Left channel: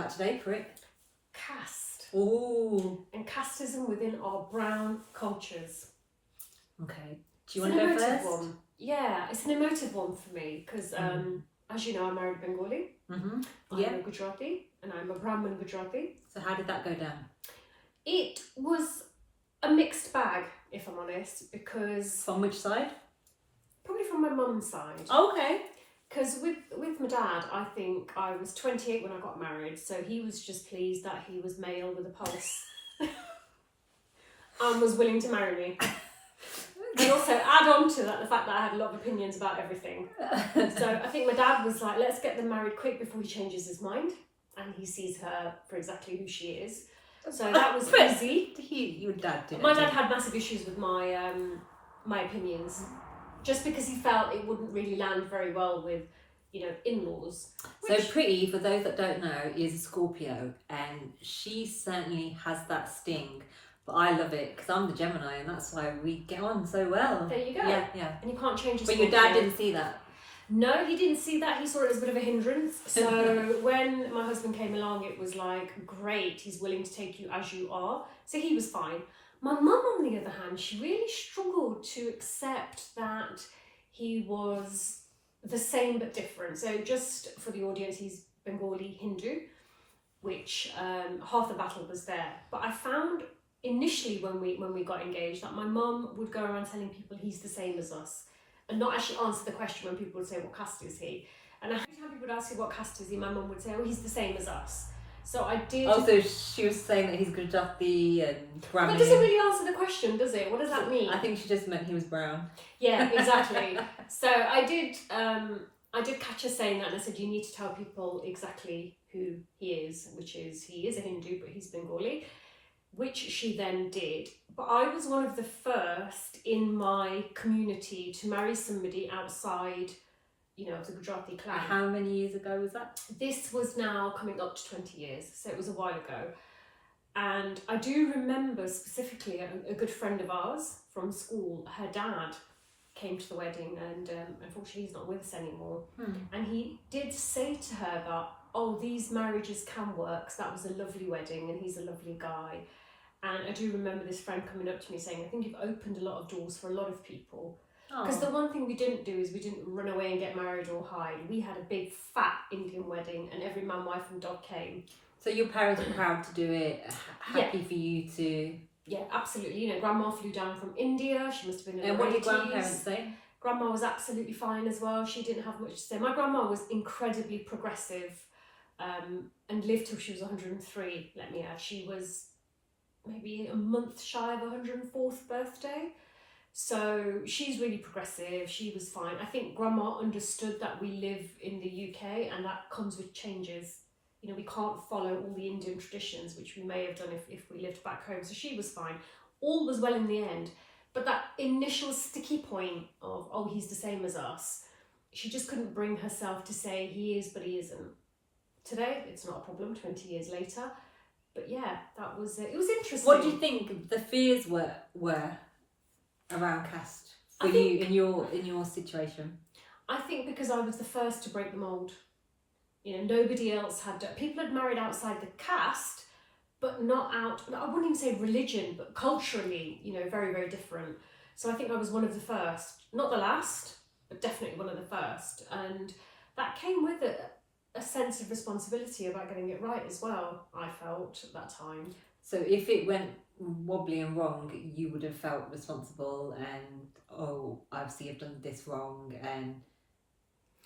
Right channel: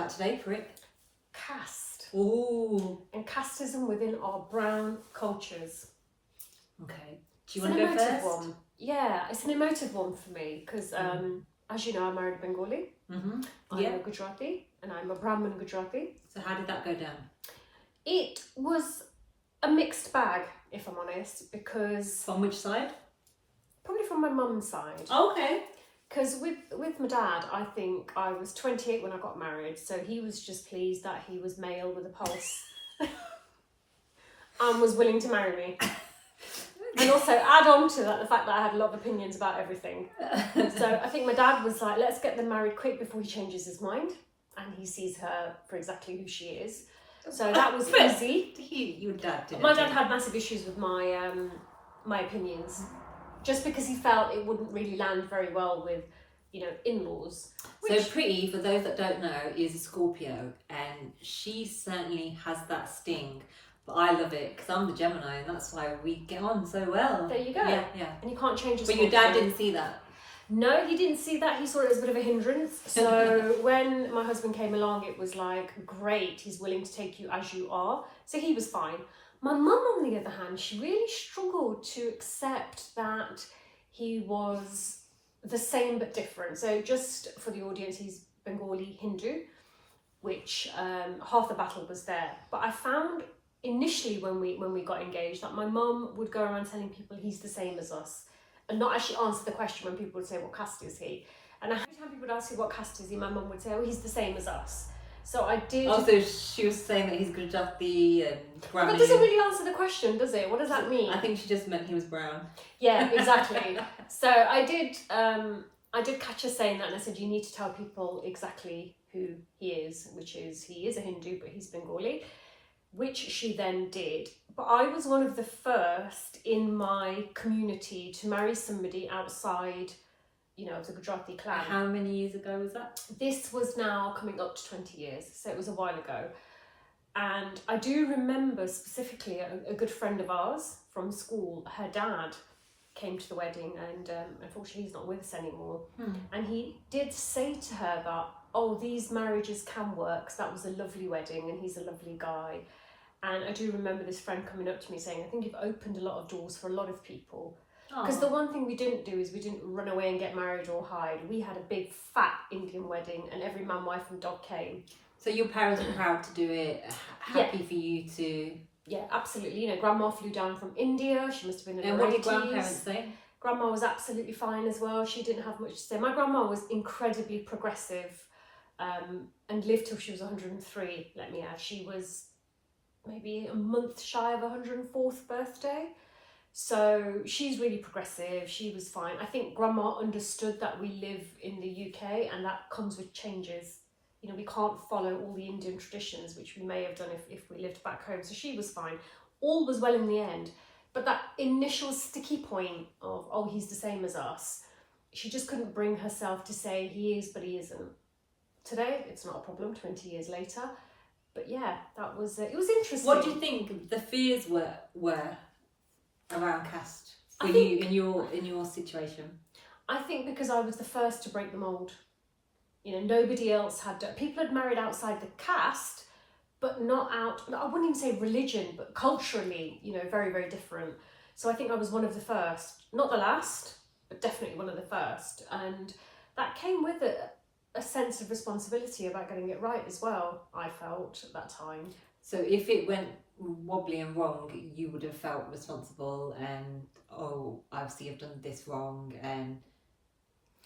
about today for it? Caste. Ooh. And casteism within our brown cultures. Okay. Do you want to go first? One. Yeah, it's an emotive one for me because, as you know, I'm married Bengali. Mm-hmm. I'm a Gujarati and I'm a Brahmin Gujarati. So how did that go down? It was a mixed bag, if I'm honest, because... From which side? Probably from my mum's side. Okay. Because with my dad, I think I was 28 when I got married, so he was just pleased that he was male with a pulse and was willing to marry me. And also add on to that the fact that I had a lot of opinions about everything. So I think my dad was like, let's get them married quick before he changes his mind and he sees her for exactly who she is. So that was easy. Your dad did. My dad had massive issues with my my opinions, just because he felt it wouldn't really land very well with, you know, in-laws. So Pretty, for those that don't know, is a Scorpio, and she certainly has that sting. But I love it because I'm the Gemini, and that's why we get on so well. There you go. Yeah. And you can't change. But your dad didn't see that. No, he didn't see that. He saw it as a bit of a hindrance. So when my husband came along, it was like, great, he's willing to take you as you are. So he was fine. My mum, on the other hand, she really struggled to accept that he was the same but different. So just for the audience, he's Bengali Hindu, which half the battle was there. But I found initially when we got engaged that my mum would go around telling people he's the same as us, and not actually answer the question when people would say, what caste is he? And every time people would ask you what caste is he, my mum would say, oh, he's the same as us. So I did... Oh, so she was saying that he's Gujarati and Brahmin. That doesn't really answer the question, does it? What does that mean? I think she just meant he was brown. Yeah, exactly. So I did catch her saying that, and I said, you need to tell people exactly who he is, which is, he is a Hindu, but he's Bengali, which she then did. But I was one of the first in my community to marry somebody outside, you know, of the Gujarati clan. How many years ago was that? This was now coming up to 20 years, so it was a while ago. And I do remember specifically a good friend of ours from school, her dad came to the wedding, and unfortunately he's not with us anymore. And he did say to her that, oh, these marriages can work, so that was a lovely wedding and he's a lovely guy. And I do remember this friend coming up to me saying, I think you've opened a lot of doors for a lot of people. Because the one thing we didn't do is we didn't run away and get married or hide. We had a big fat Indian wedding and every man, wife and dog came. So your parents were proud to do it, happy for you to... Yeah, absolutely. You know, Grandma flew down from India. She must have been in her 80s. And what did grandparents say? Grandma was absolutely fine as well. She didn't have much to say. My grandma was incredibly progressive and lived till she was 103, let me add. She was maybe a month shy of 104th birthday. So she's really progressive. She was fine. I think Grandma understood that we live in the UK and that comes with changes. You know, we can't follow all the Indian traditions, which we may have done if we lived back home. So she was fine. All was well in the end. But that initial sticky point of, oh, he's the same as us, she just couldn't bring herself to say he is, but he isn't. Today, it's not a problem, 20 years later. But yeah, that was, it was interesting. What do you think the fears were around caste for you in your situation? I think because I was the first to break the mould. You know, nobody else had people had married outside the caste, but not out, I wouldn't even say religion, but culturally, you know, very, very different. So I think I was one of the first, not the last, but definitely one of the first. And that came with a sense of responsibility about getting it right as well, I felt at that time. So if it went wobbly and wrong, you would have felt responsible and, oh, obviously I've done this wrong, and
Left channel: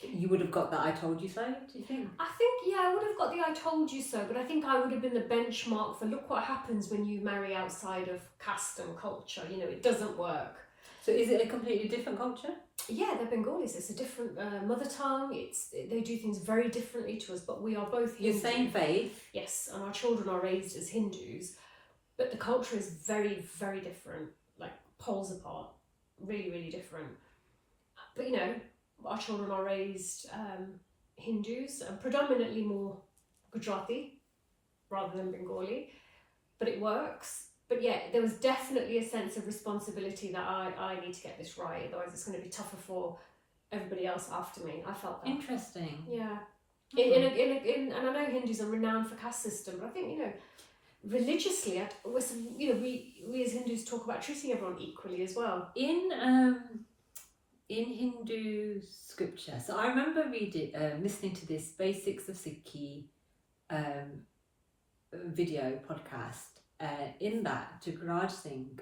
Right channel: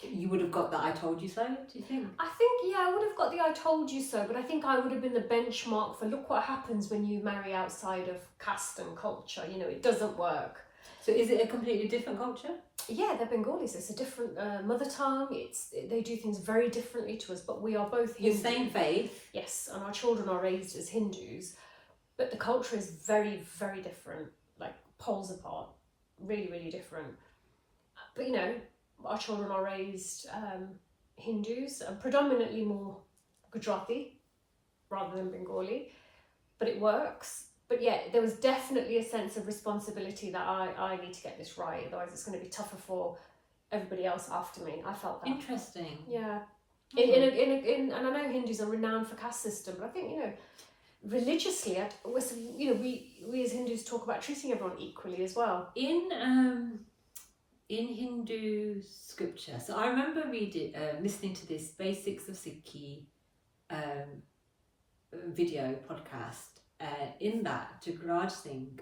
you would have got that I told you so, do you think? I think, yeah, I would have got the I told you so, but I think I would have been the benchmark for look what happens when you marry outside of caste and culture. You know, it doesn't work. So is it a completely different culture? Yeah, they're Bengalis. It's a different mother tongue. They do things very differently to us, but we are both Hindu. The same faith? Yes, and our children are raised as Hindus, but the culture is very, very different, like poles apart, really, really different. But, you know, our children are raised Hindus, and predominantly more Gujarati rather than Bengali, but it works. But yeah, there was definitely a sense of responsibility that I need to get this right, otherwise it's going to be tougher for everybody else after me. I felt that. Interesting. Yeah. And I know Hindus are renowned for caste system, but I think, religiously, we as Hindus talk about treating everyone equally as well. In Hindu scripture, so I remember listening to this Basics of Sikhi video podcast. In that, Jugraj Singh,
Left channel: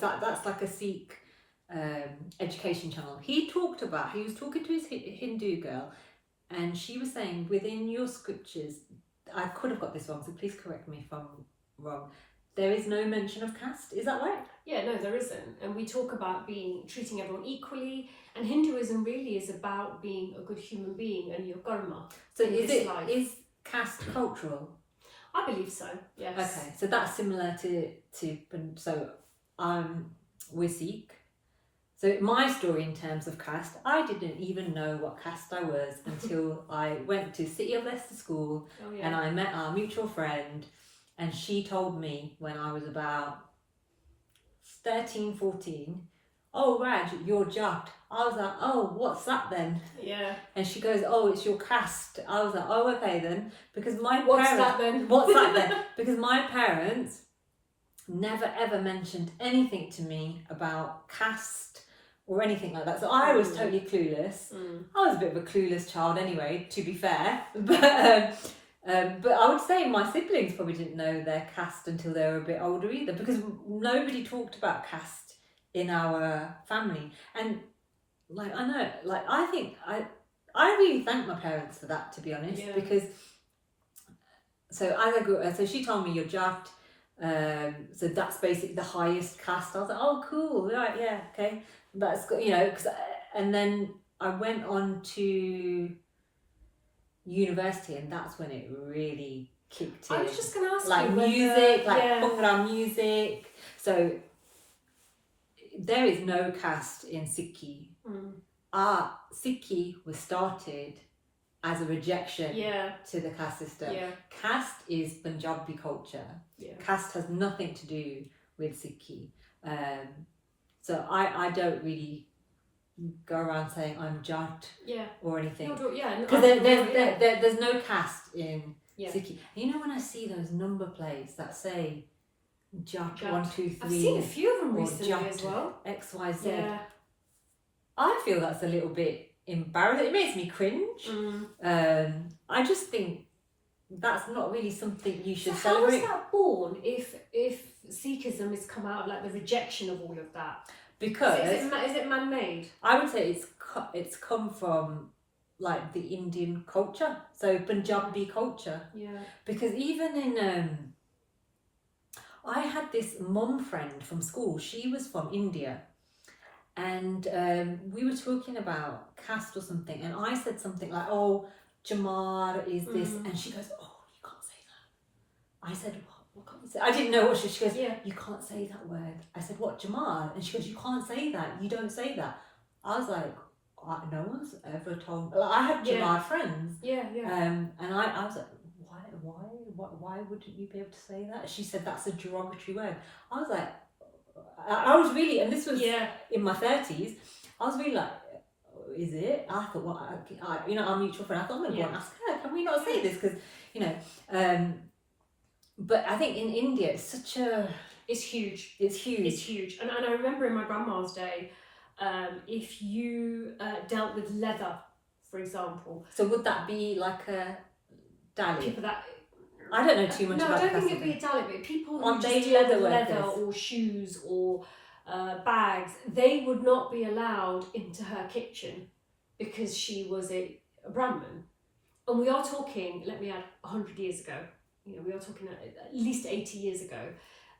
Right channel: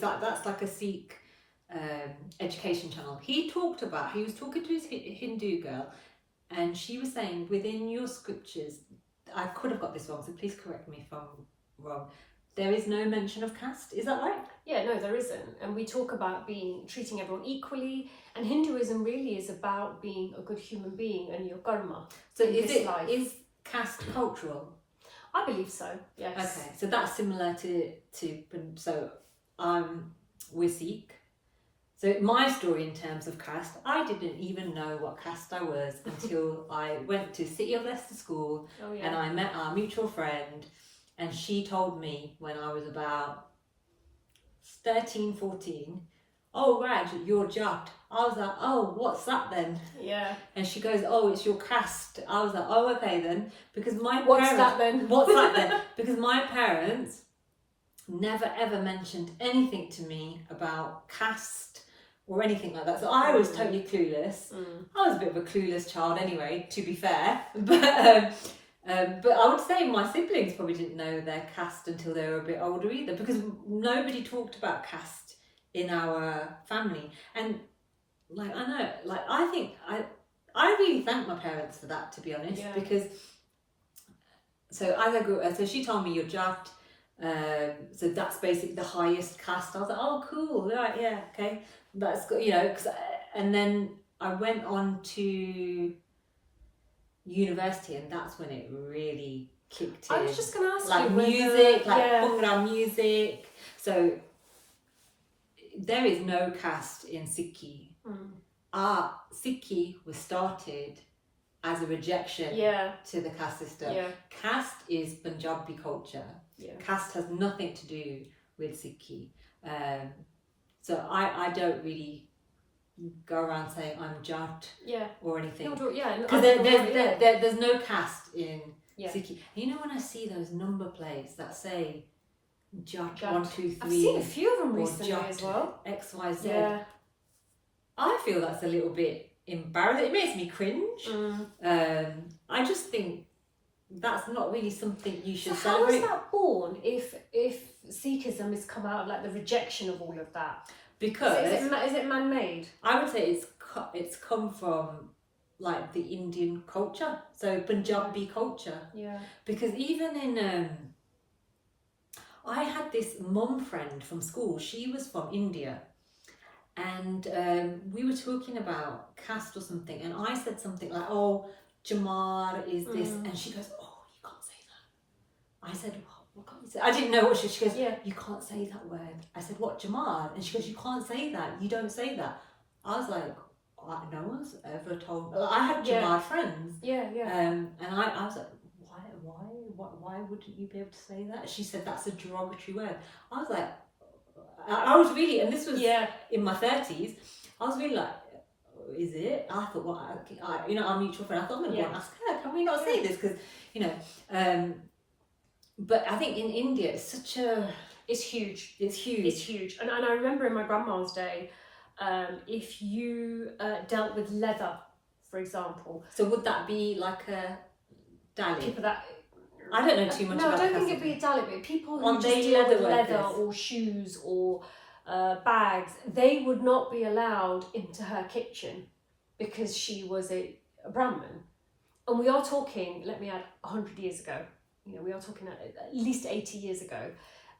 that's like a Sikh education channel. He was talking to his Hindu girl, and she was saying within your scriptures, I could have got this wrong, so please correct me if I'm wrong. There is no mention of caste. Is that right? Yeah, no, there isn't. And we talk about treating everyone equally. And Hinduism really is about being a good human being and your karma. So is caste cultural? I believe so. Yes. Okay, so that's similar to so we're Sikh. So my story in terms of caste, I didn't even know what caste I was until I went to City of Leicester School, and I met our mutual friend, and she told me when I was about 13, 14, oh Raj, you're Jat. I was like, oh, what's that then? Yeah. And she goes, oh, it's your caste. I was like, oh, okay then. Because What's that then? What's that then? Because my parents never ever mentioned anything to me about caste or anything like that. So I was totally clueless. I was a bit of a clueless child anyway, to be fair. But I would say my siblings probably didn't know their caste until they were a bit older either, because nobody talked about caste in our family. And I really thank my parents for that, to be honest, because so as I grew up, so she told me you're Jat, so that's basically the highest caste. I was like, oh cool, right, yeah, okay, that's good, and then I went on to university, and that's when it really kicked in. I was just going to ask like you music, Bhangra music. So there is no caste in Sikhi. Sikhi was started as a rejection to the caste system. Caste is Punjabi culture. Caste has nothing to do with Sikhi. So I don't really go around saying I'm Jat or anything. Because there's no caste in Sikhi. You know when I see those number plates that say Jat 1, 2, 3. I've seen a few of them recently as well. XYZ. Yeah. I feel that's a little bit embarrassing. It makes me cringe. I just think that's not really something you should celebrate. How is that born if Sikhism has come out of like the rejection of all of that? Because is it man-made? I would say it's come from like the Indian culture, so Punjabi culture. Yeah. Because even in I had this mum friend from school. She was from India, and we were talking about caste or something, and I said something like, "Oh, Jamar is this," and she goes, "Oh, you can't say that." I said, "What can't you say?" I didn't know what she goes. You can't say that word. I said, "What, Jamar?" And she goes, "You can't say that. You don't say that." I was like, "No one's ever told." I had Jamar friends. And I was like, why wouldn't you be able to say that? She said that's a derogatory word. I was like, I was really, and this was in my 30s. I was really like, is it? I thought, well, our mutual friend. I thought, I'm going to go and ask her. Can we not say this? Because but I think in India it's it's huge. It's huge. It's huge. And I remember in my grandma's day, if you dealt with leather, for example. So would that be like a Dalit? People that. I don't know too much about. No, I don't think it'd be a Dalit, but people who just deal with leather or shoes or bags, they would not be allowed into her kitchen because she was a Brahmin. And we are talking, let me add, 100 years ago. We are talking at least 80 years ago.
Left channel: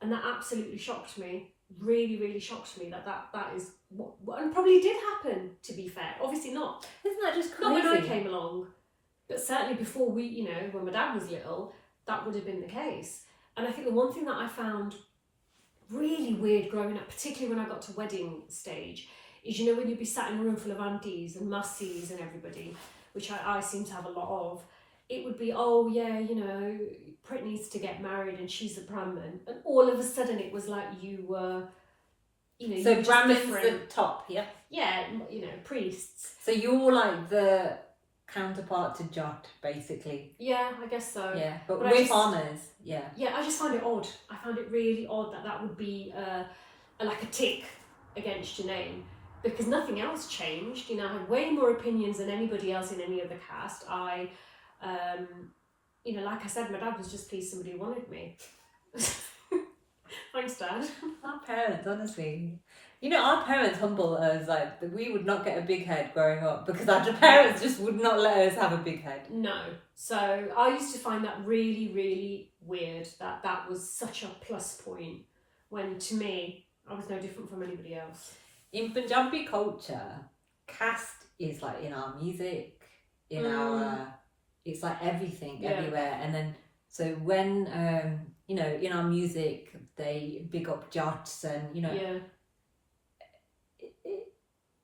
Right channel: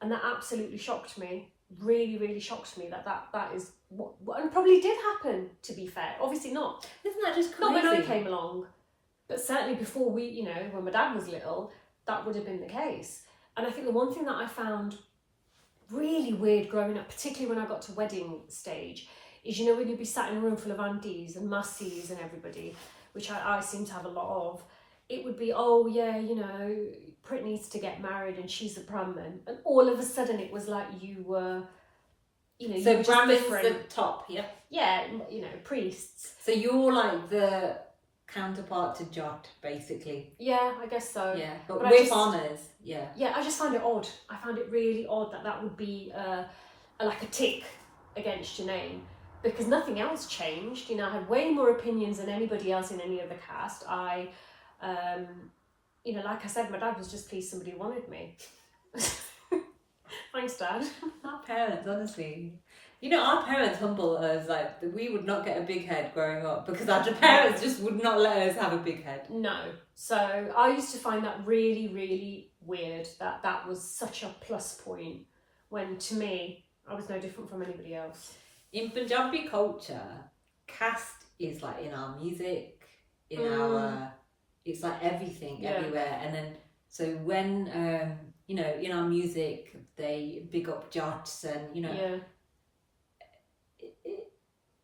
And that absolutely shocked me. Really, really shocked me that is what and probably did happen, to be fair. Obviously not. Isn't that just crazy? Not when I came along. But certainly before when my dad was little, that would have been the case. And I think the one thing that I found really weird growing up, particularly when I got to wedding stage, is when you'd be sat in a room full of aunties and mussies and everybody, which I seem to have a lot of, it would be, Prit needs to get married and she's a Brahmin. And all of a sudden it was like you were, so Brahmin's the top, yeah? Yeah, priests. So you're like the counterpart to Jot, basically. Yeah, I guess so. Yeah, but But we're farmers. Yeah. Yeah, I just find it odd. I found it really odd that would be like a tick against your name, because nothing else changed. I had way more opinions than anybody else in any other caste. Like I said, my dad was just pleased somebody wanted me. Thanks, Dad. Our parents, honestly. Our parents humble us, like, we would not get a big head growing up because our parents just would not let us have a big head. No. So I used to find that really, really weird, that was such a plus point, when to me, I was no different from anybody else. In Punjabi culture, caste is like in our music, in our, it's like everything, everywhere. And then, so when, in our music, they big up Jots and,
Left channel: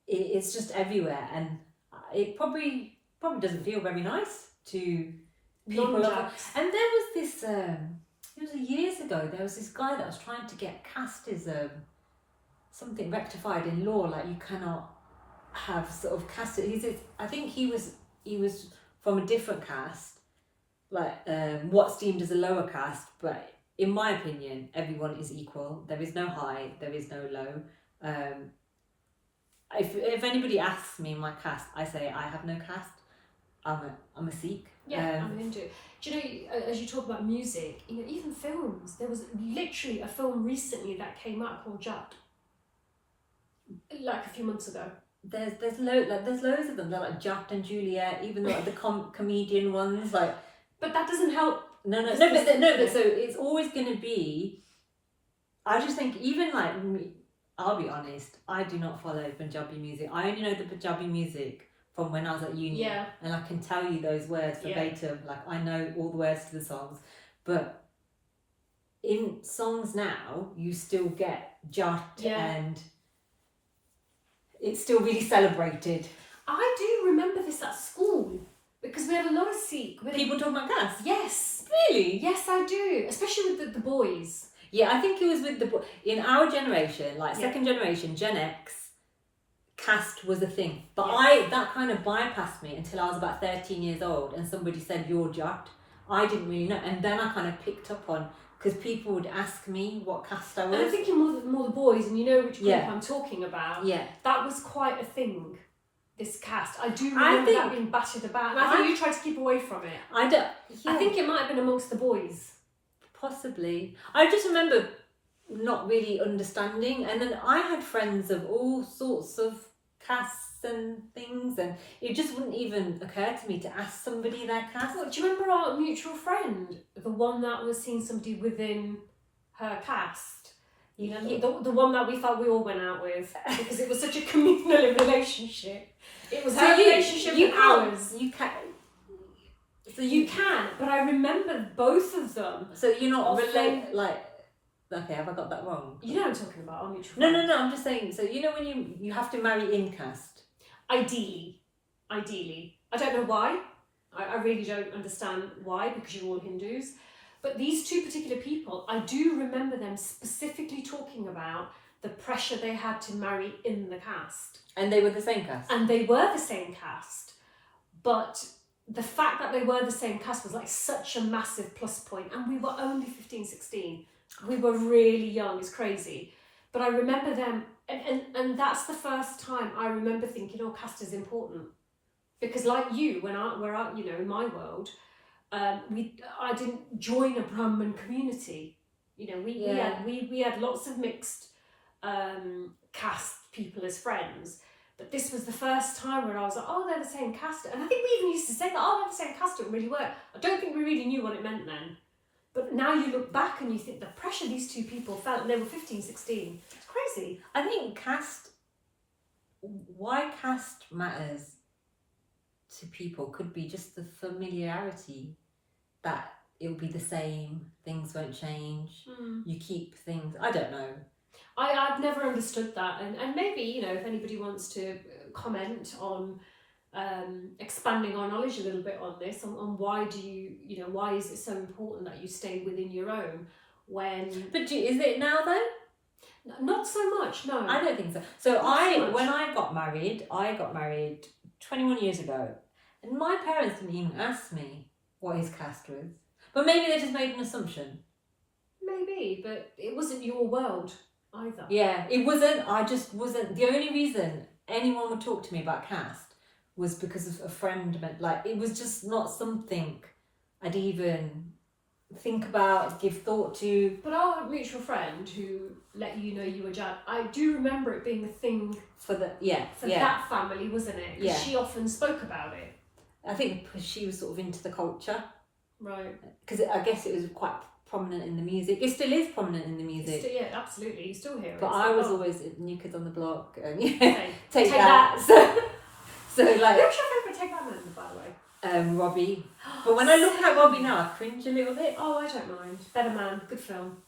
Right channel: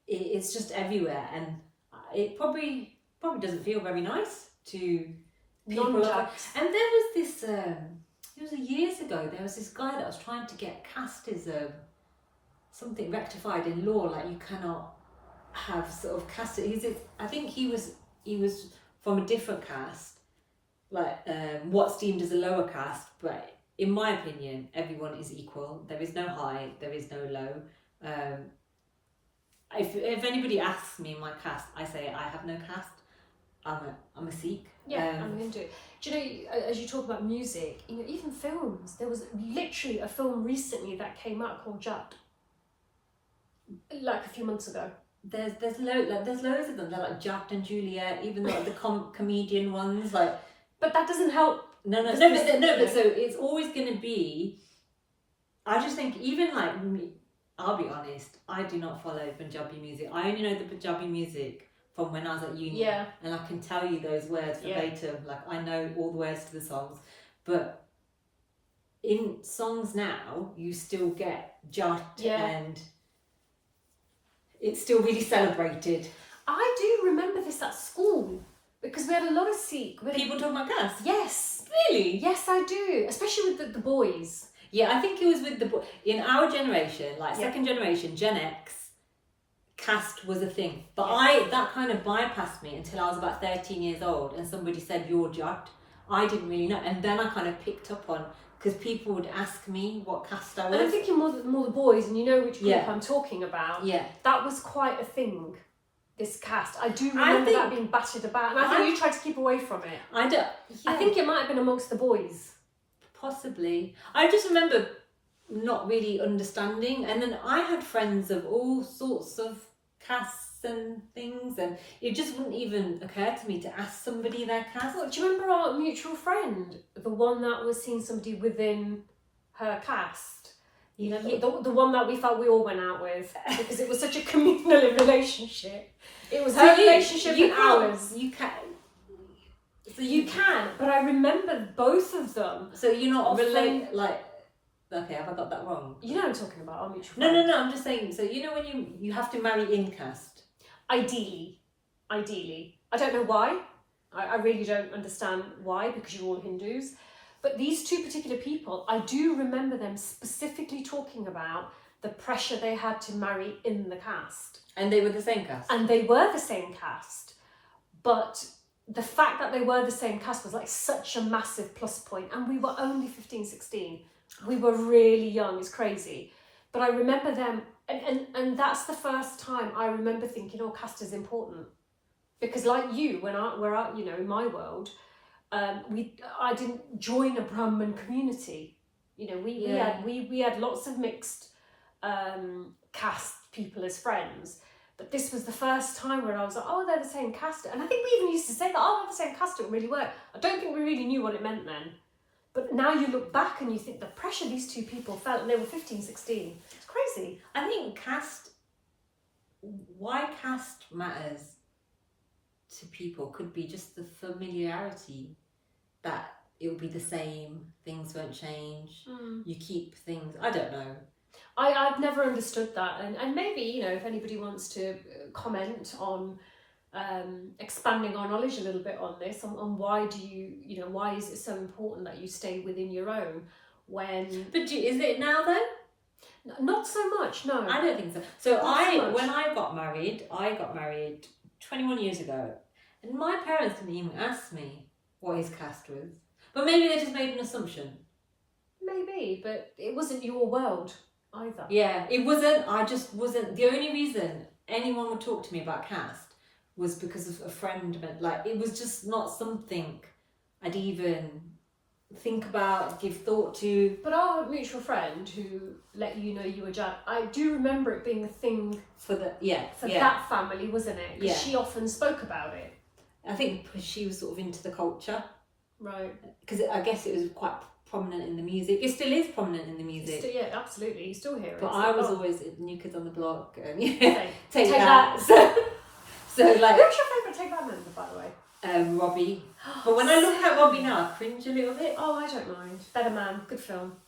it's just everywhere, and it probably doesn't feel very nice to people. And there was this, it was years ago, there was this guy that was trying to get casteism, something rectified in law, like you cannot have sort of caste. I think he was from a different caste, like what's deemed as a lower caste, but in my opinion, everyone is equal. There is no high, there is no low. If anybody asks me my caste, I say I have no caste. I'm a Sikh. Yeah, I'm into it. Do you know, as you talk about music, even films, there was literally a film recently that came out called Jat, like a few months ago. There's loads of them. They're like Jat and Juliet, even like the comedian ones, like. But that doesn't help. No. But so it's always going to be. I just think even like me, I'll be honest, I do not follow Punjabi music. I only know the Punjabi music from when I was at uni. Yeah. And I can tell you those words verbatim. Yeah. Like, I know all the words to the songs. But in songs now, you still get Jat and it's still really celebrated. I do remember this at school, because we had a lot of Sikh. People talking about caste? Yes. Really? Yes, I do. Especially with the boys. Yeah, I think it was with in our generation, like second generation, Gen X, caste was a thing. But that kind of bypassed me until I was about 13 years old, and somebody said, you're Jat. I didn't really know. And then I kind of picked up on, because people would ask me what caste I was. And I'm thinking more the boys, and you know which group I'm talking about. Yeah. That was quite a thing, this caste. I do remember that being battered about. And I think you tried to keep away from it. I think it might have been amongst the boys. Possibly. I just remember not really understanding, and then I had friends of all sorts of castes and things, and it just wouldn't even occur to me to ask somebody their caste. Well, do you remember our mutual friend, the one that was seeing somebody within her caste? The one that we felt we all went out with, because it was such a communal relationship. It was her relationship and ours. So you can, but I remember both of them. So you're not related, like, okay, have I got that wrong? You know what I'm talking about, our mutual friend. No, I'm just saying, so when you have to marry in caste? Ideally. I don't know why. I really don't understand why, because you're all Hindus. But these two particular people, I do remember them specifically talking about the pressure they had to marry in the caste. And they were the same caste? And they were the same caste, but the fact that they were the same caste was like such a massive plus point, and we were only 15, 16. We were really young, it's crazy. But I remember them, and that's the first time I remember thinking, oh, caste is important. Because like you, when we're out, in my world, I didn't join a Brahmin community. We had lots of mixed caste people as friends. But this was the first time where I was like, oh, they're the same caste. And I think we even used to say that, oh, they're the same caste, it really work. I don't think we really knew what it meant then. But now you look back and you think the pressure these two people felt, and they were 15, 16. It's crazy. I think why caste matters to people could be just the familiarity, that it will be the same, things won't change, you keep things, I don't know. I've never understood that, and maybe, if anybody wants to comment on expanding our knowledge a little bit on this, on why do you, why is it so important that you stay within your own when... But is it now though? Not so much, no. I don't think so. So when I got married 21 years ago, And my parents didn't even ask me what his caste was. But maybe they just made an assumption. Maybe, but it wasn't your world either. Yeah, it wasn't. I just wasn't. The only reason anyone would talk to me about caste was because of a friend. Like, it was just not something I'd even think about, give thought to. But our mutual friend who let you know you were Jap, I do remember it being the thing For the that family, wasn't it? Because Yeah. she often spoke about it. I think because she was sort of into the culture. Right. Because I guess it was quite prominent in the music. It still is prominent in the music. Yeah, absolutely. You still hear it. But It's I like, was oh, always New Kids on the Block. And okay. take that. that. So like, Who's your favourite Take That member, by the way? Robbie. But when I look at Robbie now, I cringe a little bit. Oh, I don't mind. Better Man, good film.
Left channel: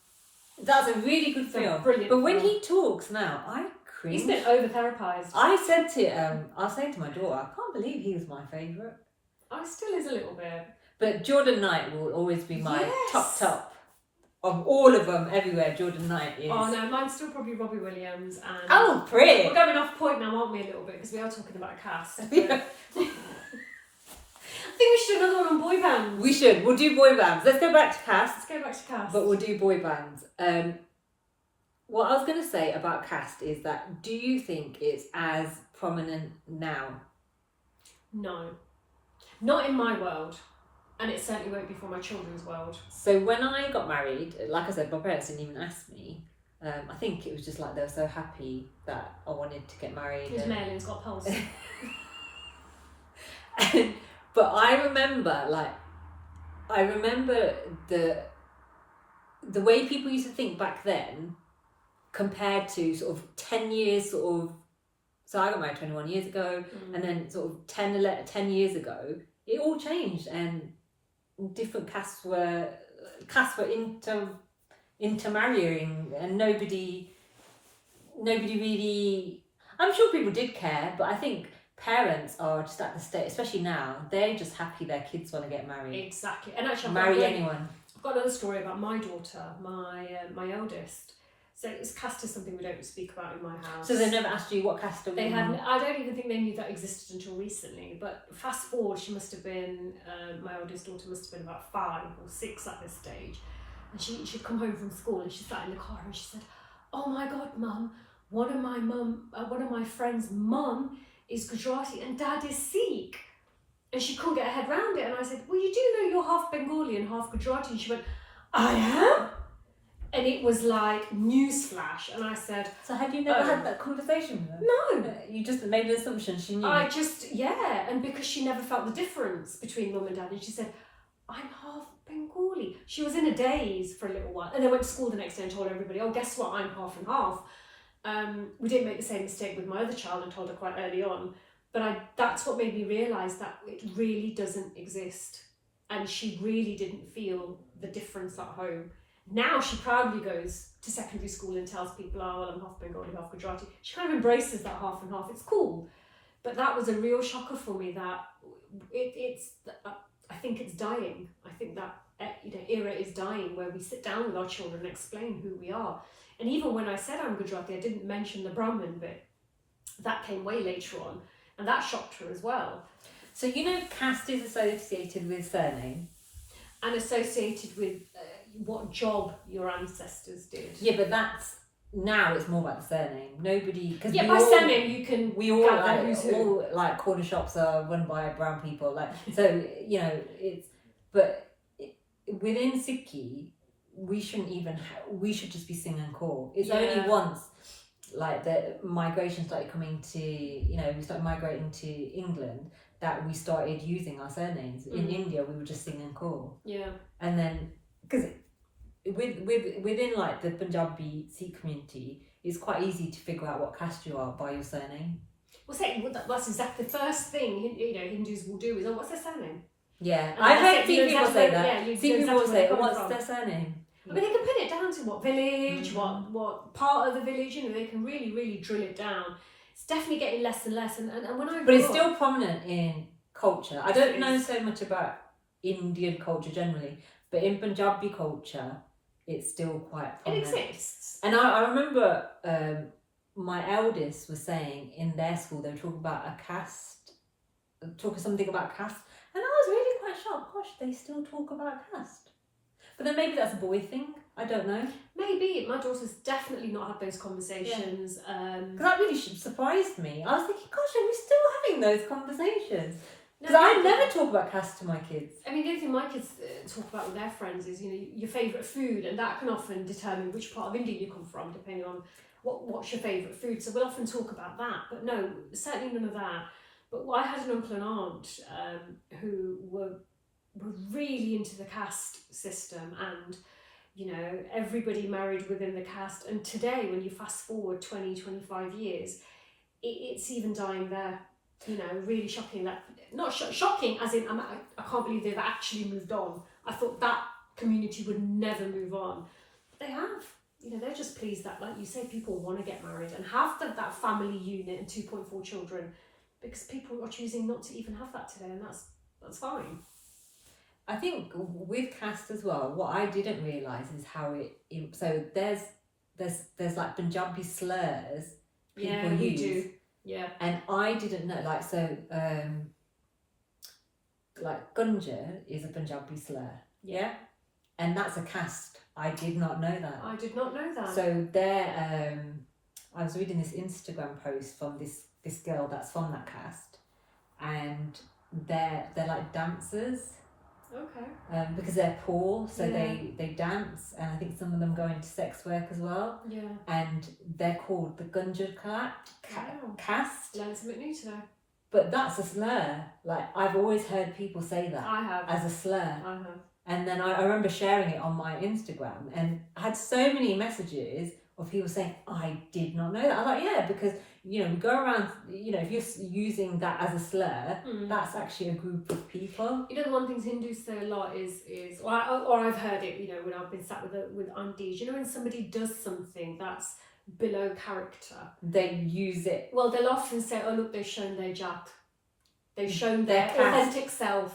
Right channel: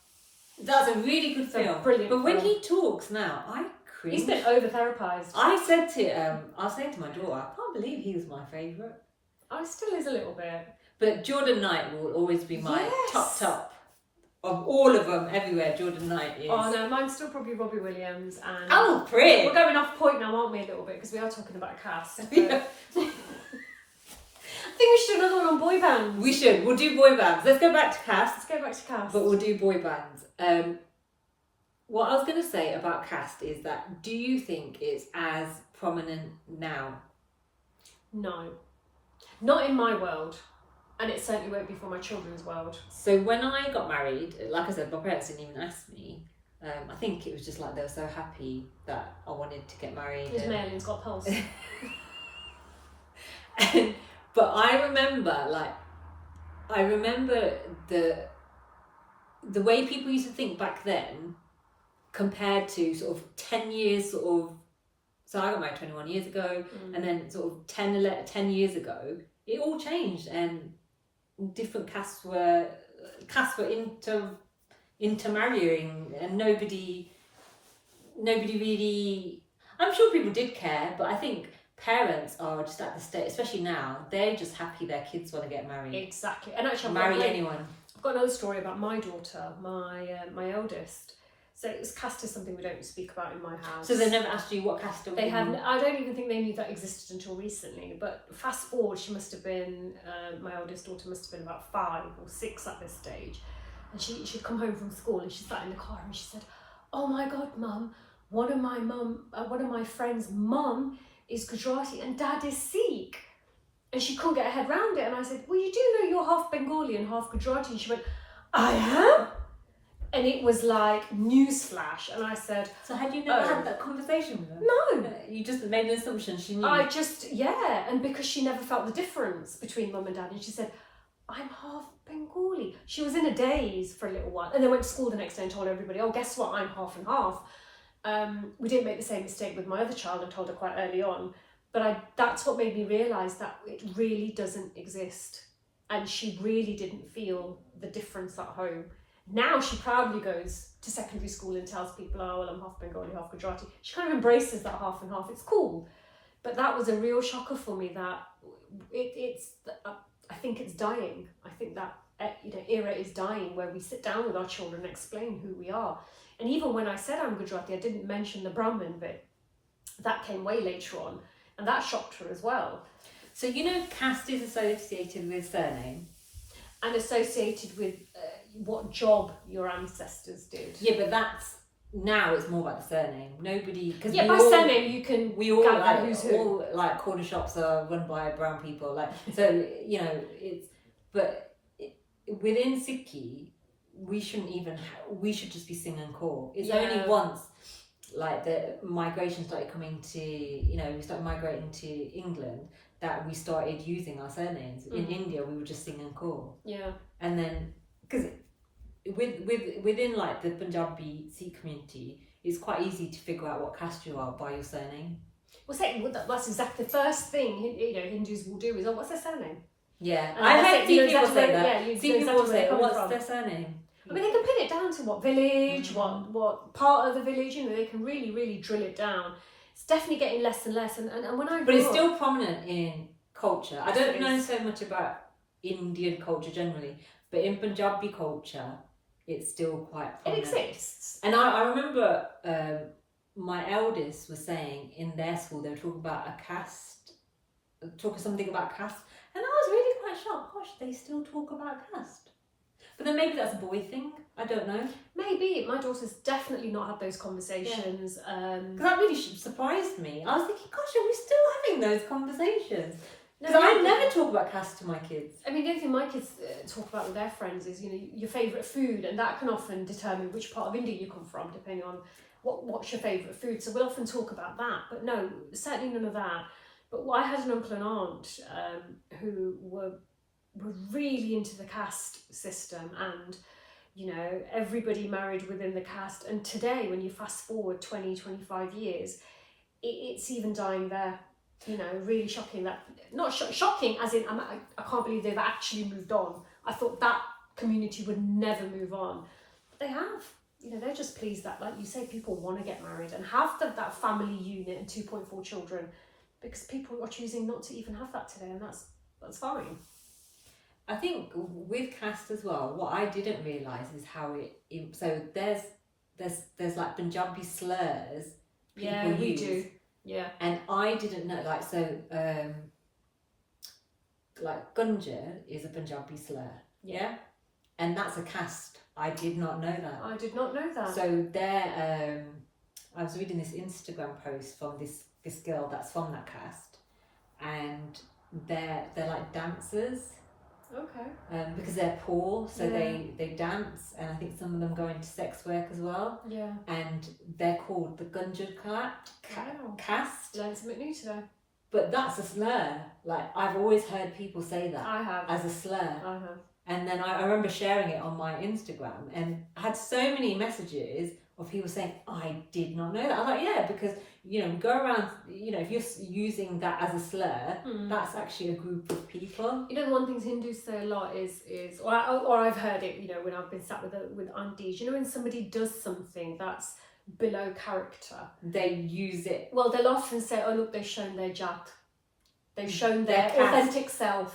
That's a really good It's a film. brilliant But when film. he talks now, I cringe. He's been over therapized. I was saying to my daughter, I can't believe he was my favourite. Oh, still is a little bit. But Jordan Knight will always be my Yes. top. Of all of them, everywhere, Jordan Knight is. Oh no, mine's still probably Robbie Williams and. Oh, pretty. We're going off point now, aren't we, a little bit, because we are talking about cast. But Yeah. I think we should do another one on boy bands. We should. We'll do boy bands. Let's go back to cast. Let's go back to cast. But we'll do boy bands. What I was going to say about cast is that, do you think it's as prominent now? No, not in my world, and it certainly won't be for my children's world. So when I got married, like I said, my parents didn't even ask me. I think it was just like they were so happy that I wanted to get married. His mailing's got pulse. But I remember the way people used to think back then compared to sort of 10 years sort of, so I got married 21 years ago, and then sort of 10 years ago, it all changed, and different castes were intermarrying, and nobody really, I'm sure people did care, but I think parents are just at the state, especially now, they're just happy their kids want to get married. Exactly. And actually, Marry anyone. I've got another story about my daughter, my eldest. So it's cast as something we don't speak about in my house. So they never asked you what caste They haven't. I don't even think they knew that existed until recently. But fast forward, she must have been, my eldest daughter must have been about 5 or 6 at this stage. And she'd come home from school and she sat in the car and she said, "Oh my God, Mum, one of my friends' mum is Gujarati and Dad is Sikh." And she couldn't get her head around it. And I said, "Well, you do know you're half Bengali and half Gujarati." And she went, "I am?" And it was like newsflash. And I said, So had you never had that conversation with them? "No." You just made the assumption she knew. And because she never felt the difference between Mum and Dad. And she said, "I'm half Bengali." She was in a daze for a little while. And then went to school the next day and told everybody, "Oh, guess what? I'm half and half." We didn't make the same mistake with my other child and told her quite early on. But that's what made me realise that it really doesn't exist. And she really didn't feel the difference at home. Now she proudly goes to secondary school and tells people, "Oh, well, I'm half Bengali, half Gujarati." She kind of embraces that half and half. It's cool. But that was a real shocker for me that I think it's dying. I think that era is dying where we sit down with our children and explain who we are. And even when I said I'm Gujarati, I didn't mention the Brahmin bit. That came way later on. And that shocked her as well. So caste is associated with surname. And associated with what job your ancestors did. Yeah, but now it's more about the surname. Nobody, surname you can. We all gather who's who. all like corner shops are run by brown people. Like so, it's. But within Sikhi, we shouldn't even. We should just be singing core. It's only once, like the migration started coming to. We started migrating to England that we started using our surnames. In India, we were just singing core. Yeah. And then because within like the Punjabi Sikh community, it's quite easy to figure out what caste you are by your surname. Well, that's exactly the first thing Hindus will do is, "Oh, what's their surname?" Yeah, And I've that's heard it, you know people exactly say that. where- yeah, you See know people exactly say, where they're "What's coming their surname?" I mean, they can pin it down to what village, what part of the village. They can really, really drill it down. It's definitely getting less and less. And when I But it's grew still up, prominent in culture. I don't know so much about Indian culture generally, but in Punjabi culture, it's still quite it prominent. exists. And I remember my eldest was saying in their school they were talking about a caste talking something about caste, and I was really quite shocked. Gosh, they still talk about caste. But then maybe that's a boy thing. I don't know. Maybe. My daughter's definitely not had those conversations. Because that really surprised me. I was thinking, gosh, are we still having those conversations? No, Because I never talk about caste to my kids. I mean, the only thing my kids talk about with their friends is, you know, your favourite food, and that can often determine which part of India you come from, depending on what's your favourite food. So we'll often talk about that, but no, certainly none of that. But I had an uncle and aunt who were really into the caste system, and you know, everybody married within the caste. And today, when you fast forward 20-25 years, it's even dying there. You know, really shocking. That not shocking as in I can't believe they've actually moved on. I thought that community would never move on, but they have. You know, they're just pleased that, like you say, people want to get married and have that family unit and 2.4 children, because people are choosing not to even have that today, and that's fine. I think with caste as well, what I didn't realise is how so there's like Punjabi slurs people we use. do. Yeah. And I didn't know, like, so like Gunja is a Punjabi slur, yeah, and that's a caste. I did not know that. I did not know that. So there, I was reading this Instagram post from this girl that's from that caste, and they're like dancers. Okay. Because they're poor, so they dance, and I think some of them go into sex work as well. Yeah. And they're called the Gunjad caste. Learned something new today. But that's a slur. Like, I've always heard people say that. I have. As a slur. I have. And then I remember sharing it on my Instagram, and I had so many messages of people saying, I did not know that. I was like, yeah, because, you know, we go around, you know, if you're using that as a slur, that's actually a group of people. You know, the one thing Hindus say a lot is or I've heard it, you know, when I've been sat with aunties, you know, when somebody does something that's below character, they use it. Well, they'll often say, oh, look, they've shown their jat. They've shown their authentic self.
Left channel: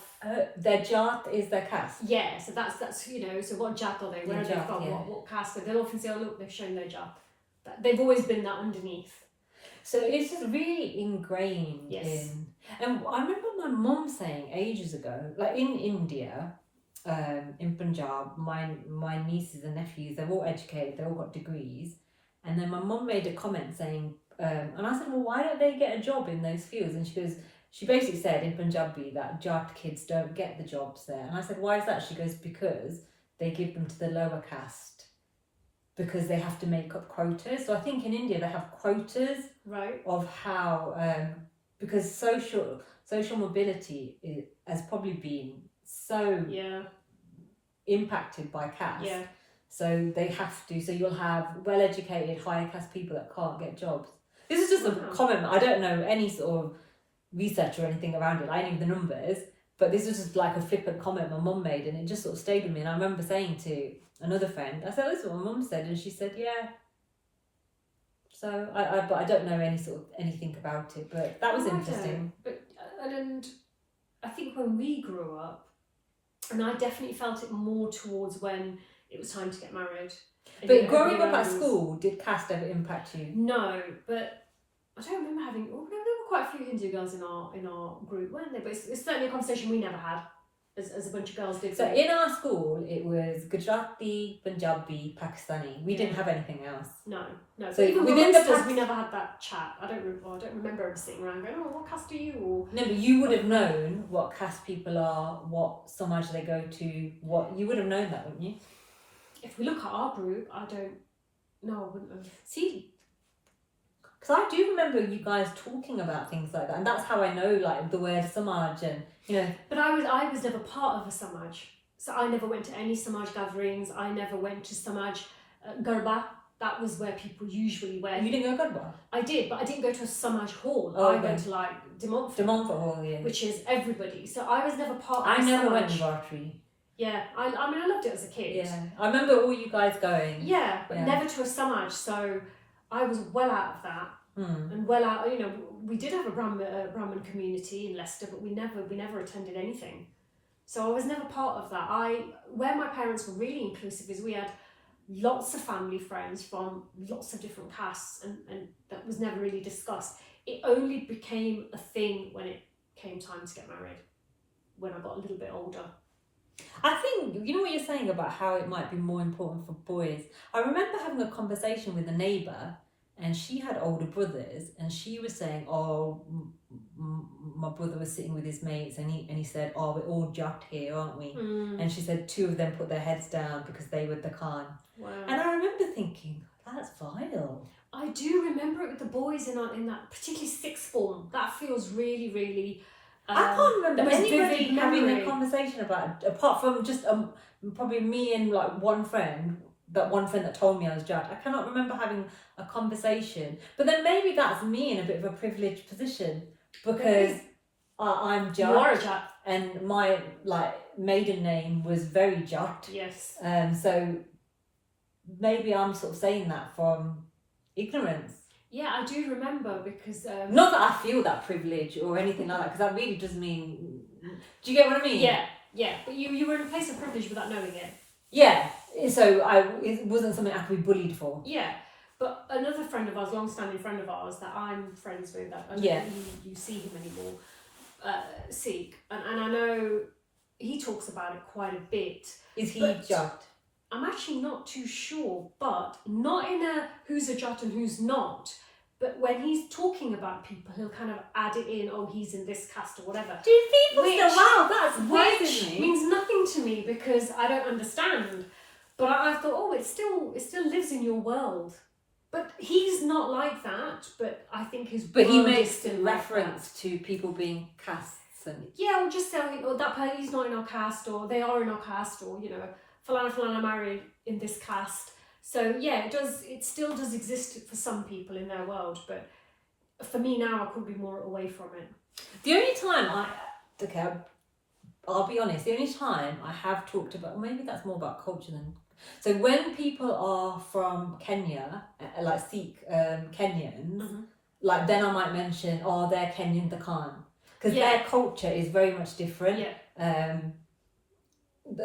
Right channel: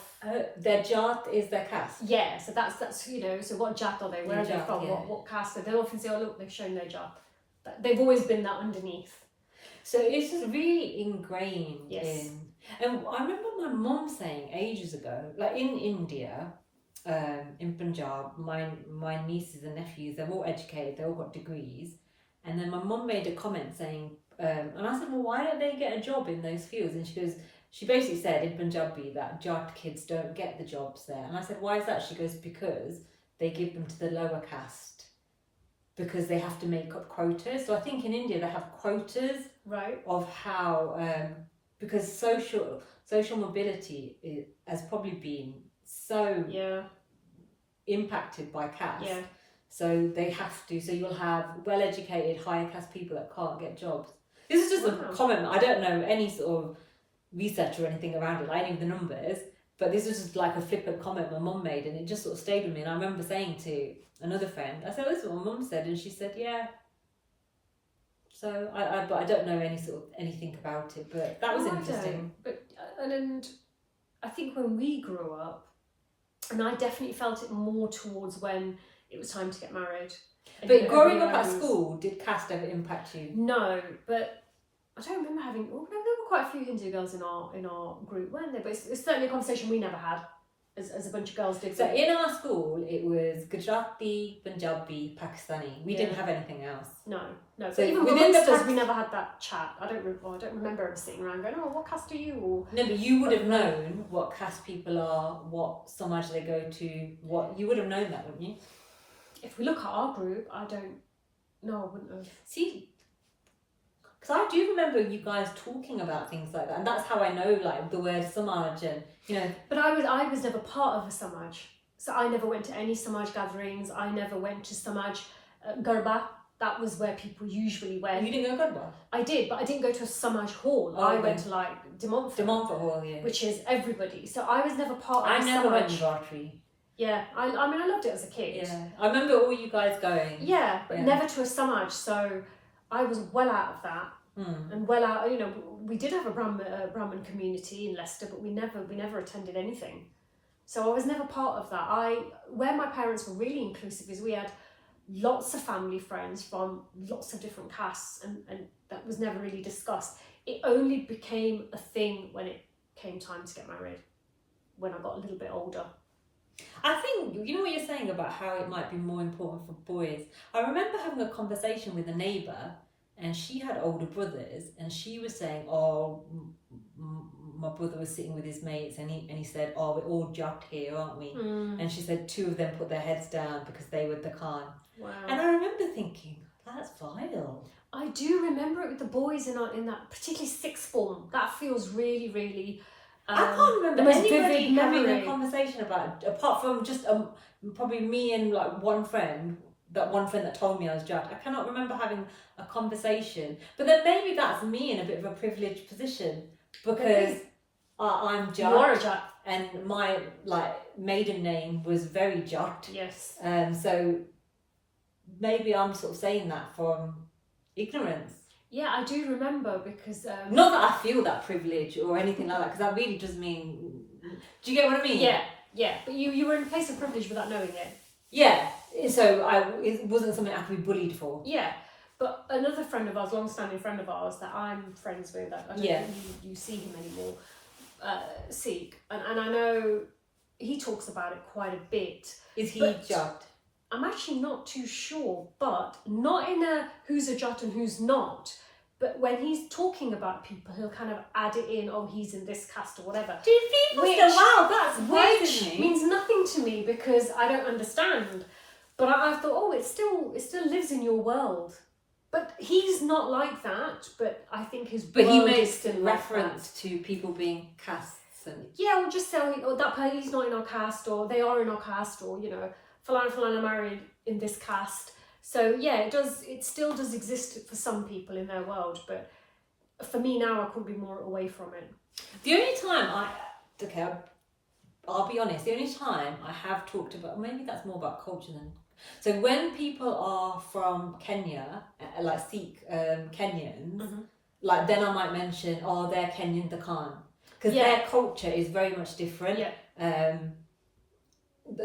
Their jat is their caste. Yeah, so that's you know, so what jat are they? Where are they from? Yeah. What caste? But they'll often say, oh, look, they've shown their jat. They've always been that underneath. So it's just really ingrained in. And I remember my mum saying ages ago, like in India, in Punjab, my nieces and nephews, they're all educated, they all got degrees. And then my mum made a comment saying, and I said, well, why don't they get a job in those fields? And she basically said in Punjabi that Jat kids don't get the jobs there. And I said, why is that? She goes, because they give them to the lower caste, because they have to make up quotas. So I think in India they have quotas, right, of how because social mobility has probably been so impacted by caste. Yeah. So they have to. So you'll have well-educated, higher caste people that can't get jobs. This is just a comment. I don't know any sort of research or anything around it. I know the numbers, but this was just like a flippant comment my mum made, and it just sort of stayed with me. And I remember saying to another friend, I said, "This is what my mum said," and she said, "Yeah." So but I don't know anything about it, but that was interesting. But and I think when we grew up, and I definitely felt it more towards when it was time to get married. But growing up at school, did caste ever impact you? No, but I don't remember having. Well, there were quite a few Hindu girls in our group, weren't there? But it's certainly a conversation we never had, as a bunch of girls did. So in our school, it was Gujarati, Punjabi, Pakistani. We didn't have anything else. No. So even within us, we never had that chat. I don't remember ever sitting around going, "Oh, what caste are you?" Or no, but you would have known what caste people are, what Samaj they go to. What you would have known that, wouldn't you? If we look at our group, I don't. No, I wouldn't have. See, because I do remember you guys talking about things like that, and that's how I know like the word Samaj and But I was never part of a Samaj, so I never went to any Samaj gatherings. I never went to Samaj Garba. That was where people usually went. You didn't go Garba? I did, but I didn't go to a Samaj hall. I went to like De Montfort Hall, yeah, which is everybody. So I was never part of. I never went to Bartry. Yeah, I mean, I loved it as a kid. Yeah, I remember all you guys going. Yeah, but never to a Samaj. So I was well out of that, and well out. We did have a Brahmin community in Leicester, but we never attended anything. So I was never part of that. Where my parents were really inclusive is we had lots of family friends from lots of different castes, and that was never really discussed. It only became a thing when it came time to get married when I got a little bit older. I think, you know what you're saying about how it might be more important for boys. I remember having a conversation with a neighbour, and she had older brothers, and she was saying, oh, my brother was sitting with his mates, and he said, oh, we're all jat here, aren't we? And she said 2 of them put their heads down because they were the Khan. Wow. And I remember thinking, that's vile. I do remember it with the boys in that, particularly sixth form. That feels really, really... I can't remember the most anybody vivid having memory. a conversation about it, apart from just probably me and like one friend that told me I was judged. I cannot remember having a conversation. But then maybe that's me in a bit of a privileged position because I'm judged. You are a jat. And my maiden name was very jut. Yes. So maybe I'm sort of saying that from ignorance. Yeah, I do remember because... Not that I feel that privilege or anything like that, because that really does mean... Do you get what I mean? Yeah. But you were in a place of privilege without knowing it. Yeah. So it wasn't something I could be bullied for. Yeah. But another friend of ours, long-standing friend of ours that I'm friends with, I don't think you see him anymore, Sikh. And I know he talks about it quite a bit. Is he jut? I'm actually not too sure, but not in a who's a jat and who's not. But when he's talking about people, he'll kind of add it in, oh, he's in this caste or whatever. Do people say, wow, that's weird Which to me? means nothing to me because I don't understand. But I thought, oh, it still lives in your world. But he's not like that. But I think his But he world is makes still reference to people being castes and... Yeah, or just saying, oh, that person is not in our caste, or they are in our caste, or Falana married in this caste. So yeah, it still does exist for some people in their world, but for me now, I could be more away from it. The only time I'll be honest, the only time I have talked about, maybe that's more about culture than... So when people are from Kenya, like Sikh Kenyans, then I might mention, oh, they're Kenyan, the Khan. Because their culture is very much different. Yeah.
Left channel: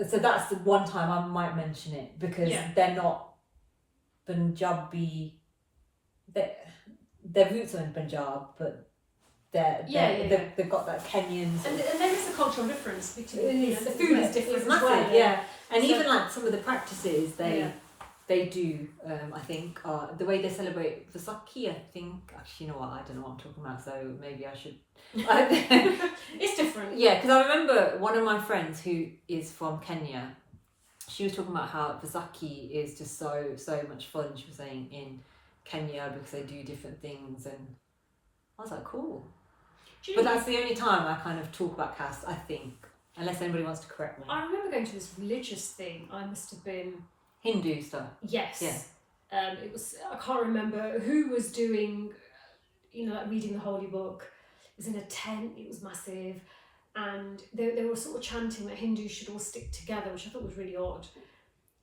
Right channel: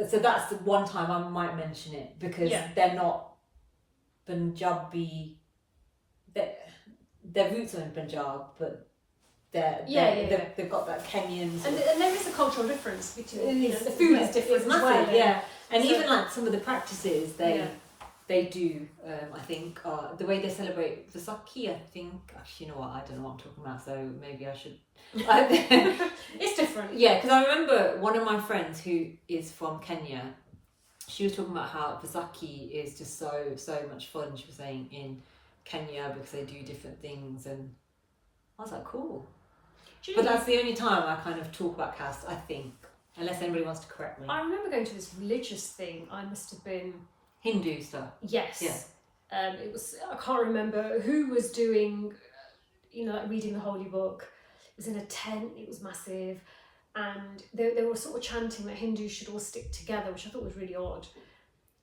So that's the one time I might mention it, because they're not Punjabi. Their roots are in Punjab, but they've got that Kenyan. And there is a cultural difference between the food is different as well. Yeah, and so, even like some of the practices they do, I think, the way they celebrate Vaisakhi. I think actually, you know what? I don't know what I'm talking about, so maybe I should. It's different. Yeah, because I remember one of my friends who is from Kenya. She was talking about how Vaisakhi is just so much fun. She was saying in Kenya because they do different things, and I was like, cool. But that's the only time I kind of talk about caste, I think, unless anybody wants to correct me. I remember going to this religious thing. I must have been Hindu stuff. Yes. Yeah. It was. I can't remember who was doing. Reading the holy book. It was in a tent. It was massive. And they were sort of chanting that Hindus should all stick together, which I thought was really odd.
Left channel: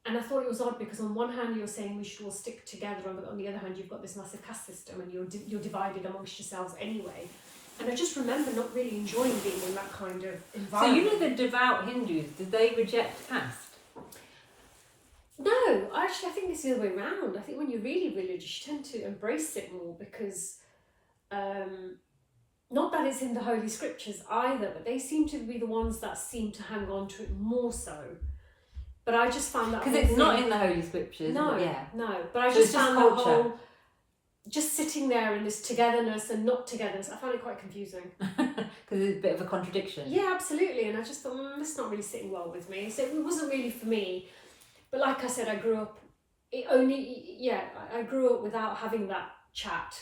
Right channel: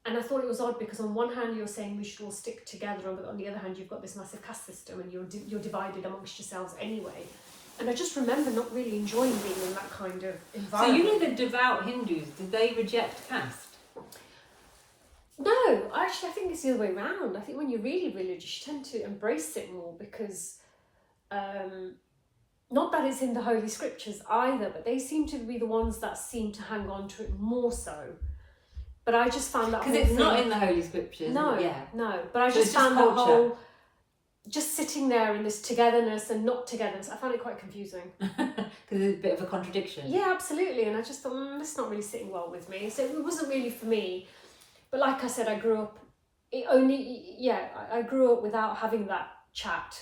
And I thought it was odd because on one hand you're saying we should all stick together, but on the other hand you've got this massive caste system and you're divided amongst yourselves anyway. And I just remember not really enjoying being in that kind of environment. So the devout Hindus, did they reject caste? No, actually I think it's the other way around. I think when you're really religious you tend to embrace it more because... not that it's in the Holy Scriptures either, but they seem to be the ones that seem to hang on to it more so. But I just found that... Because it's not in the Holy Scriptures. No, yeah. no. But I just found that whole... Just sitting there in this togetherness and not togetherness, I found it quite confusing. Because it's a bit of a contradiction. Yeah, absolutely. And I just thought, this is not really sitting well with me. So it wasn't really for me. But like I said, I grew up... I grew up without having that chat.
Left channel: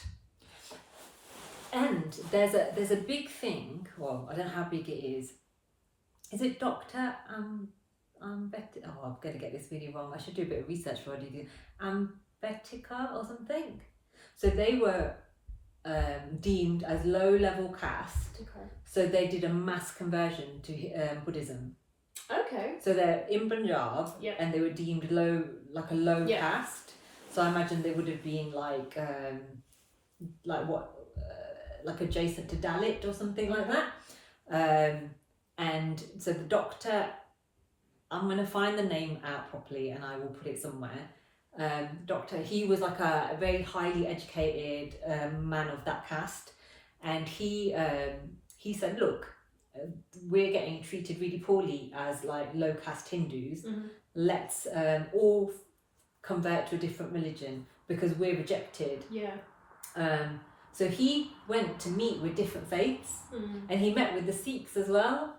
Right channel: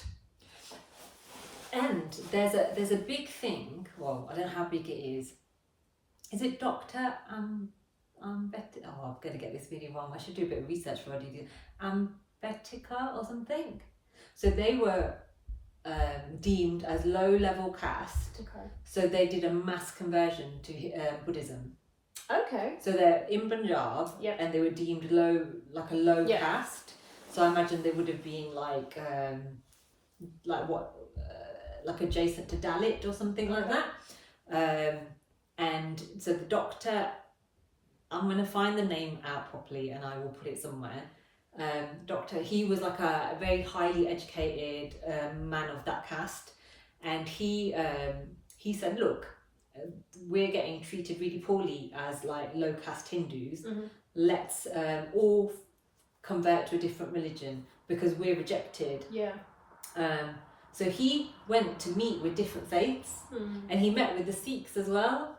And there's a big thing. Well, I don't know how big it is. Is it Dr. Ambedkar? Oh, I'm going to get this really wrong. I should do a bit of research before I do this. Ambedkar or something. So they were deemed as low-level caste. Okay. So they did a mass conversion to Buddhism. Okay. So they're in Punjab, and they were deemed low caste. So I imagine they would have been like adjacent to Dalit or something like that. And so the doctor, I'm going to find the name out properly and I will put it somewhere. Doctor, he was like a very highly educated man of that caste, and he he said, look, we're getting treated really poorly as like low caste Hindus. Let's all convert to a different religion because we're rejected. Yeah. So he went to meet with different faiths, and he met with the Sikhs as well.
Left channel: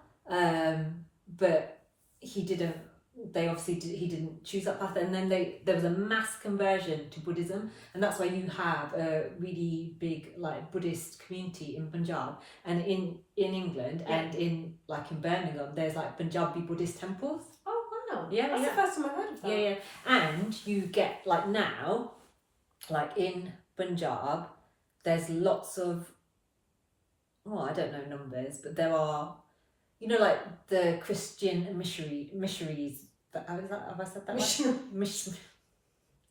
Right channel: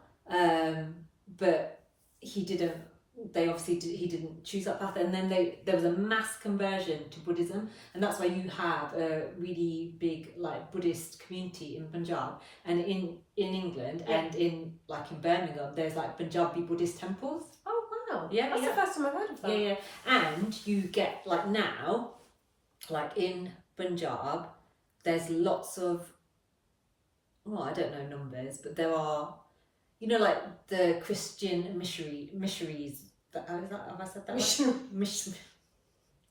But he didn't. He didn't choose that path, and then there was a mass conversion to Buddhism, and that's why you have a really big like Buddhist community in Punjab and in England, and in Birmingham there's like Punjabi Buddhist temples. Oh wow! Yeah, that's the first time I've heard of that. Yeah, and you get like now, like in Punjab, there's lots of, well, I don't know numbers, but there are, you know, like the Christian missionaries. Have I said that right?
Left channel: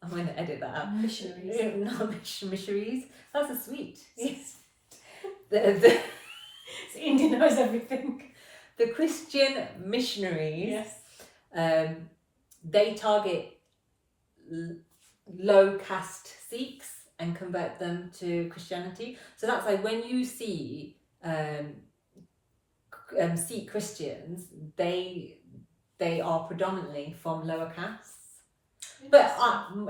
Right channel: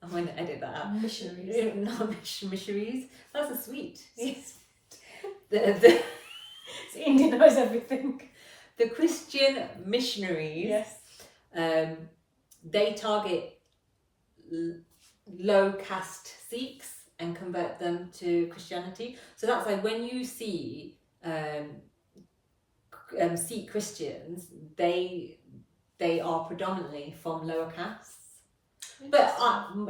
I'm going to edit that out. Missionaries. No, missionaries. That's a sweet. Yes. The India knows everything. The Christian missionaries. Yes. They target low caste Sikhs and convert them to Christianity. So that's like when you see Sikh Christians, they are predominantly from lower castes. But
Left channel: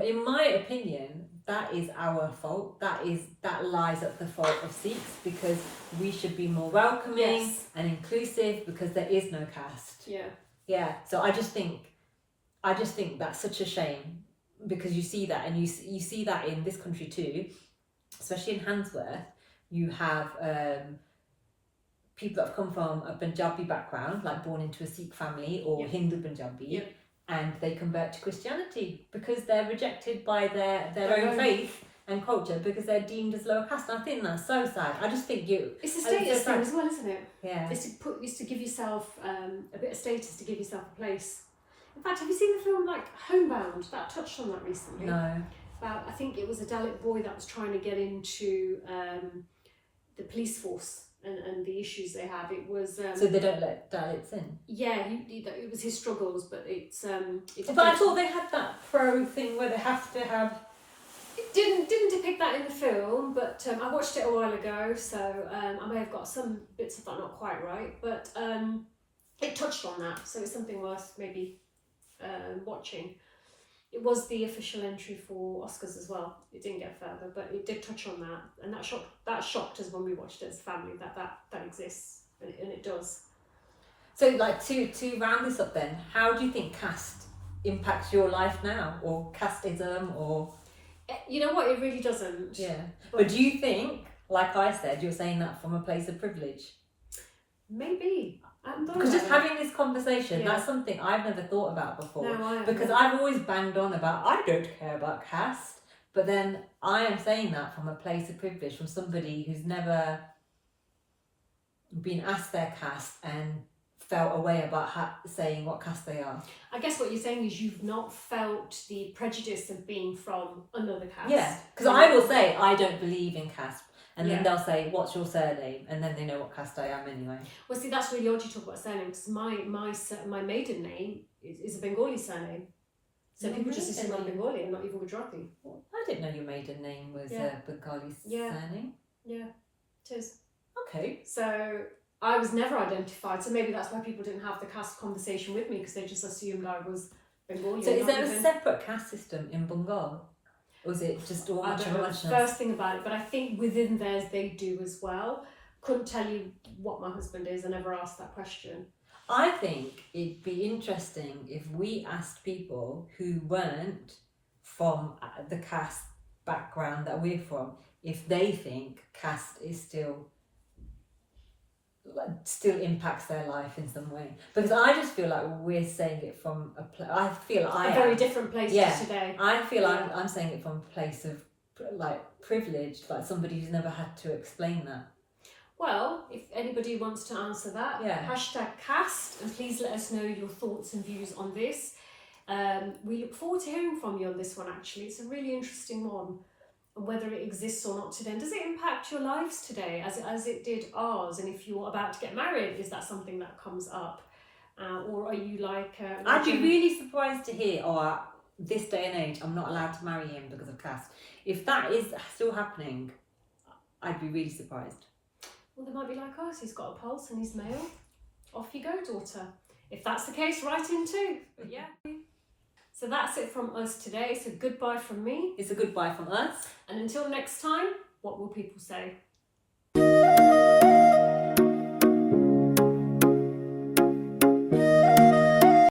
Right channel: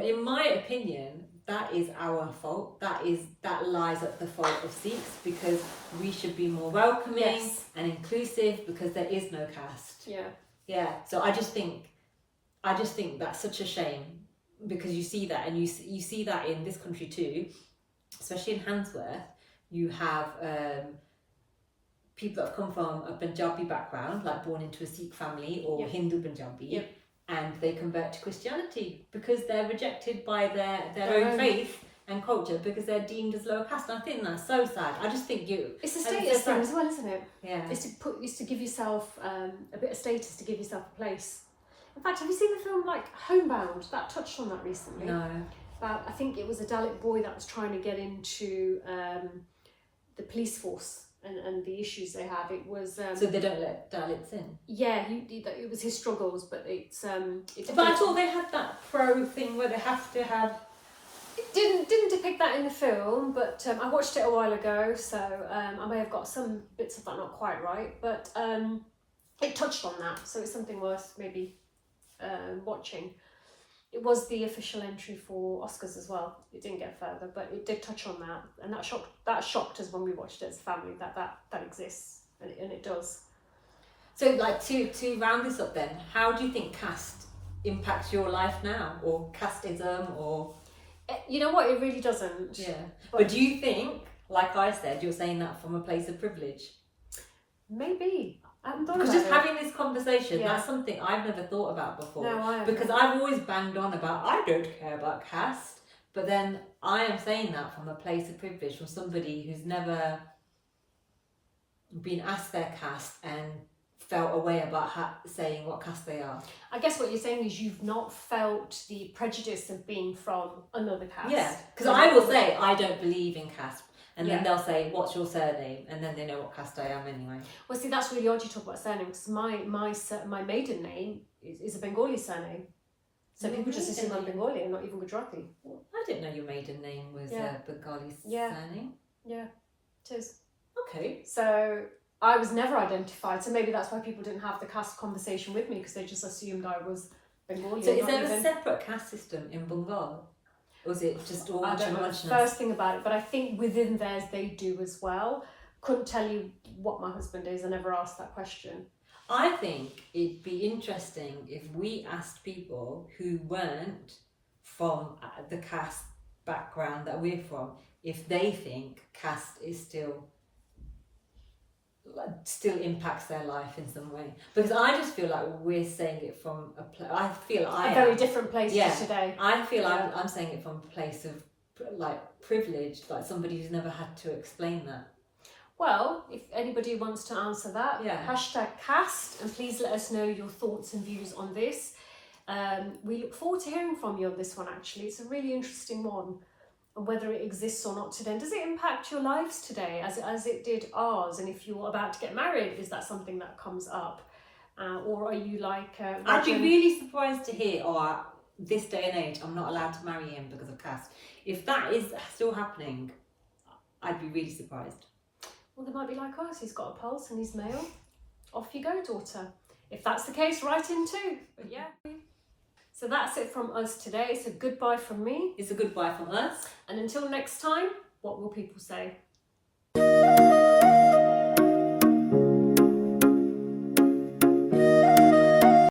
in my opinion, that is our fault. That lies at the fault of Sikhs, because we should be more welcoming and inclusive, because there is no caste. Yeah. So I just think that's such a shame, because you see that, and you see that in this country too, especially in Handsworth. You have people that have come from a Punjabi background, like born into a Sikh family or Hindu Punjabi, and they convert to Christianity because they're rejected by their own faith and culture, because they're deemed as lower caste. And I think that's so sad. I just think it's a status thing as well, isn't it? Yeah. It's to give yourself a bit of status, to give yourself a place. In fact, have you seen the film like Homebound? That touched on that recently. No. About, I think it was a Dalit boy that was trying to get into the police force and the issues they have. It was so they don't let Dalits in. Yeah, it was his struggles, but it's. But I thought they had that pro thing where they have to have. It didn't depict that in the film, but I watched it a while ago, so I may have got some bits of that not quite right, but it touched on that, so it's something worth maybe watching. It was the official entry for Oscars as well. It didn't get further, but it did touch on that, and that shocked us when we watched it as a family, that exists, and it does. So, like, to round this up then, how do you think caste impacts your life now, or casteism, or? You know what, it really doesn't. Yeah. But do you think, like I said, you're saying that from a place of privilege? Maybe. Because just having this conversation, that's something I've never thought about before. No, I haven't. Because I've always banged on about, I don't care about caste, but then I am saying that from a place of privilege, from somebody who's never been asked their caste and felt a way about saying what caste they are. I guess what you're saying is you've not felt the prejudice of being from another caste. Yeah, because I will say I don't believe in caste. And then they'll say, what's your surname? And then they know what caste I am anyway. Well, see, that's really odd you talk about surname, because my maiden name is a Bengali surname. So people just assume I'm Bengali and not even Gujarati. I didn't know your maiden name was a Bengali surname. Yeah, it is. Okay. So I was never identified, so maybe that's why people didn't have the caste conversation with me, because they just assumed I was Bengali. So is there a separate caste system in Bengal? Or is it just all I don't know the first thing about it, but I think within theirs they do as well. Couldn't tell you what my husband is. I never asked that question. I think it'd be interesting if we asked people who weren't from the caste background that we're from, if they think caste is still impacts their life in some way, because I just feel like we're saying it from a very different place to today. I feel like I'm saying it from a place of like privilege, like somebody who's never had to explain that. Well, if anybody wants to answer that, #caste, and please let us know your thoughts and views on this. We look forward to hearing from you on this one. Actually, it's a really interesting one. And whether it exists or not today. Does it impact your lives today as it did ours? And if you're about to get married, is that something that comes up? Or are you like... I'd be really surprised to hear, this day and age, I'm not allowed to marry him because of caste. If that is still happening, I'd be really surprised. Well, they might be like us. He's got a pulse and he's male. Off you go, daughter. If that's the case, write in too. But yeah. So that's it from us today. It's a goodbye from me. It's a goodbye from us. And until next time, what will people say?